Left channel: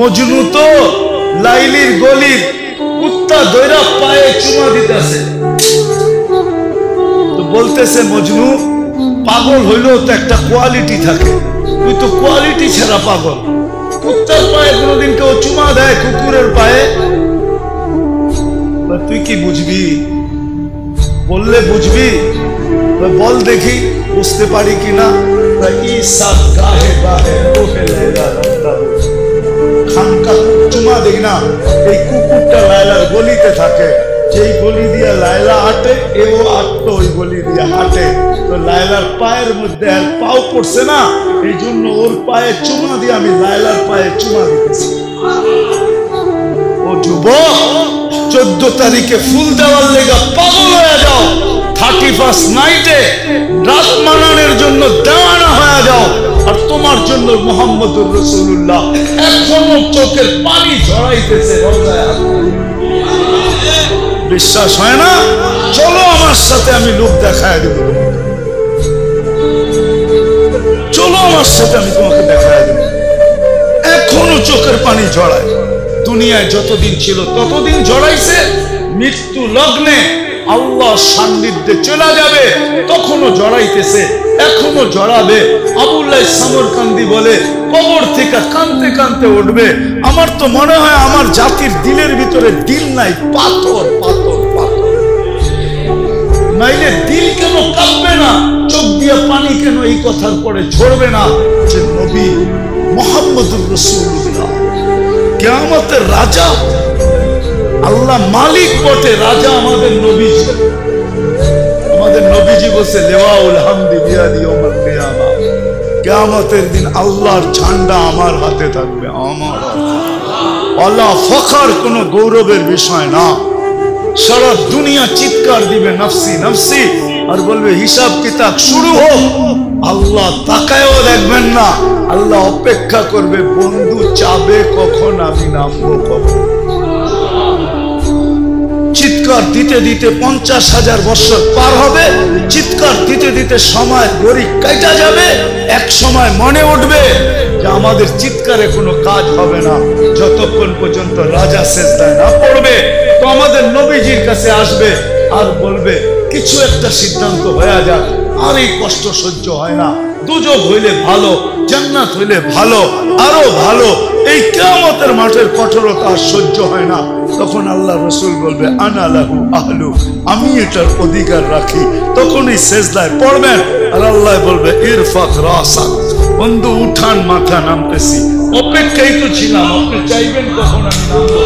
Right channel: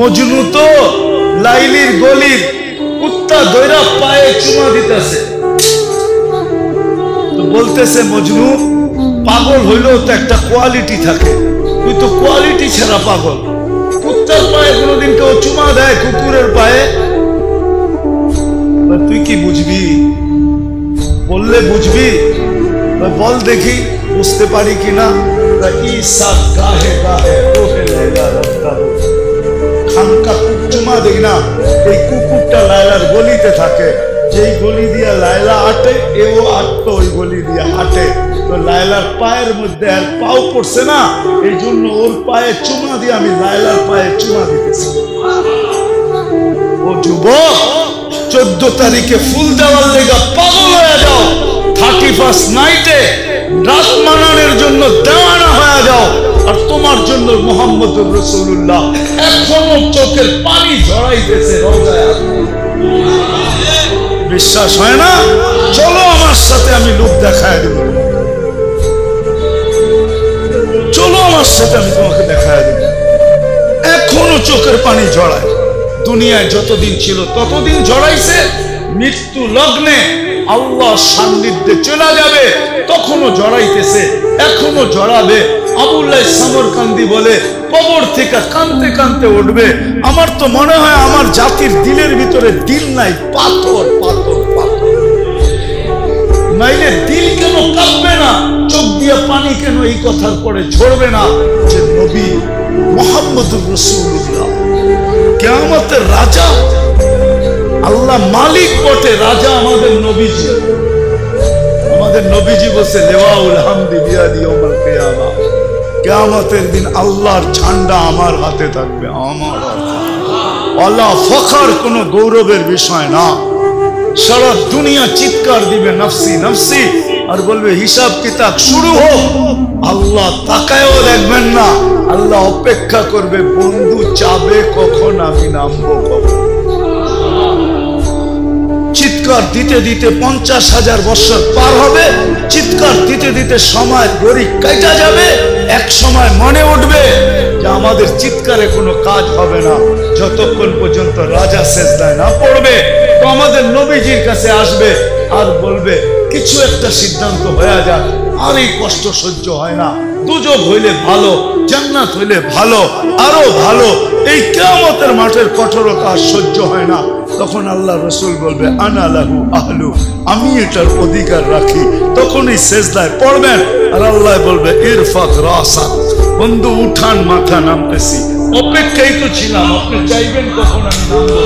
মজনু তো লাইলির গলির কুত্তা দৈরা পায়ে চুমা দিতেছে, তো বলতেছে মজনু পাগল হইলেও তো একটা কোয়ালিটি থাকে, তুই তো কোয়ালিটি ছাড়া পাগল। কুত্তার পায়ে কোনোদিন কেউ চুমা দেয় কুকুরের পায়ে? তুই কি বুঝবি? বললে বুঝবি? বল দেখি বুঝতে পারি কিনা। খানকা চুমা দেখি না, এই কুকুরটা লায়লার গলিতে থাকে, যেই গলি দিয়া লায়লা হাঁটে এও আটতো ওই গলি দিয়া হাঁটে, তো লায়লার পায়ের মধ্যে আর পাও পড়ছে না, এই জন্য ওর পায়ে চুমা দিয়ে আমি লায়লার পায়ে চুমা দিতেছি। ও যুবক, 14 তারিখে ফুল দেওয়ার লেগা পাগল হয়ে যাও, 31st নাইটে রাত মানানোর জন্য দেওয়ানা হয়ে যাও, আর তোমার জন্য মুহাম্মদুর রাসূলুল্লাহ এখনো চোখের পানি ঝরাইতেছে রওজায়। বিশ্বাস হয় না? চলো আমার সাথে, আমি লোক দেখায় দেব তোমাকে। চলো আমার সাথে, আমি তোমাকে দেখায় দেব। এখনো চোখের পানি ঝরায়, দুনিয়ায় যতদিন ছিল ততদিন ঝরাইছে, মৃত্যু লগ্নে আল্লাহ সান্নিধ্যে চলে যাবে তখনও জড়াইতেছে, এখনো জড়াবে। আবুল্লাহ সামরকান্দি বলে কবর থেকে কানতে কানতে উঠবে। আমার তো মনে হয় আমার জাতির দিলের ভিতরে দিল নাই, পাথর পাথর পাথর। নাইলে দিল কেন কাঁপবে না, চোখ দিয়ে পানি কেন এই কথার পরে ঝরবে না যে নবী মুহাম্মদুর রাসূলুল্লাহ কিয়ামতের রাজা, আল্লাহ মালিক বটে, রাজা আমাদের নবীজি। আমাদের নবীজি বলছে লিওয়াউল হামদি বিয়াদি ইয়াউমাল কিয়ামা, কিয়ামতের দিন আল্লাহর ঝান্ডা আমার হাতে থাকবে, আমার হাতে। আল্লাহ ফখর কোনো গৌরবের বিষয় না। সারা দুনিয়া চিৎকার দিবে নফসি নফসি, আর বলবে হিসাব কিতাব শুরু হোক। আল্লাহ তাকায়ও দেখবেন না, আল্লাহ অপেক্ষা করবে বন্ধু চাবে কখন আমি নামবো কখন। চিৎকার দিতে দিতে 50,000 বছর পার হবে, চিৎকার দিতে দিতে সময় গড়ি কাটা যাবে। এক সময় মনে উঠবে যে আমাদের চিৎকারে কোনো কাজ হবে না, যতক্ষণ পর্যন্ত রাজা সেজদায় না পড়বে। তো আমাদের নবীজির কাছে আসবে আর বলবে কিছু একটা সিদ্ধান্ত হয়ে যাক, আর এই কষ্ট সহ্য হয় না, দুজক হইলে ভালো, জান্নাত হইলে ভালো, আরো ভালো, এই কিয়ামতের মাঠের কঠোরতা আর সহ্য হয় না। তখন আল্লাহ রসুল বলবে আনা লাহু আহলু, আমি এটার অধিকার রাখি। তখনই সেজদায় পড়বেন আর আল্লাহ বলবে ইরফাক রাসাক, বন্ধু উঠান মাথা, নামতেছি। অপেক্ষাই তো ছিলাম, আপনি চাইবেন কখন আমি নামবো।